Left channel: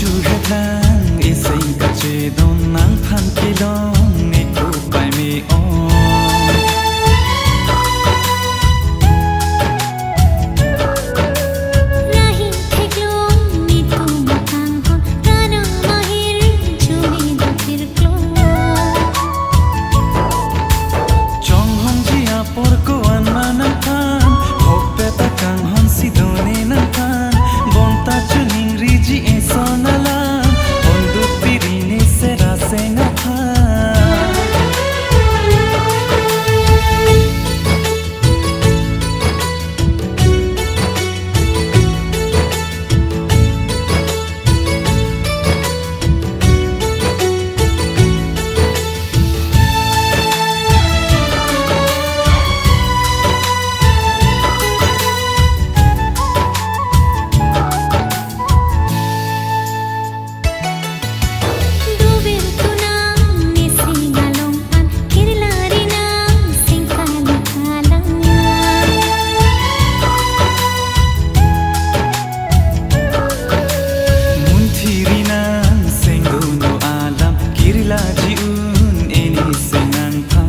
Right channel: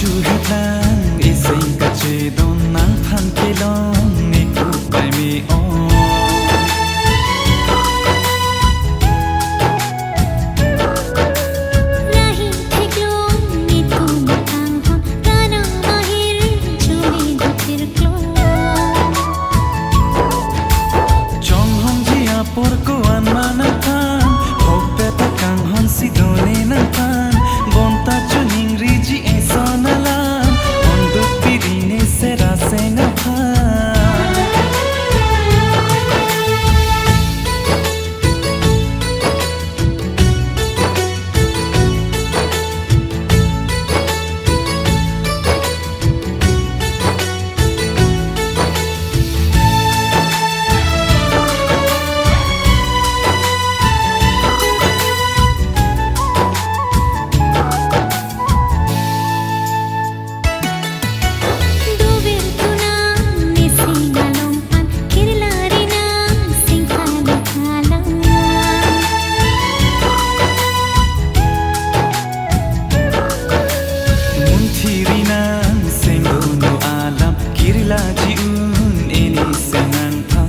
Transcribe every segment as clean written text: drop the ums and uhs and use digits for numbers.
chu headlang ising ka che don nang phan kilong ne ku pai mi on rahi theklong ni ku makang hon rana mahir chumi duthir klo chong hong ji a por ko an manan phan hok peta kang hon si done nan phan bonta chuning ri ji e sonalam hondu pirine sera senga phan Thirinang seng dono alam kirila jiun eni sengang pha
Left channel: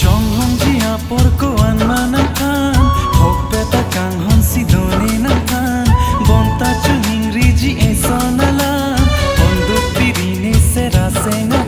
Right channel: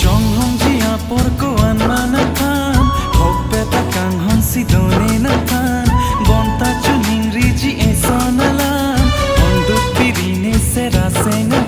chong hong ji a por ko an manan phan hok peta kang hon si done nan phan bonta chuning ri ji e sonalam hondu pirine sera senga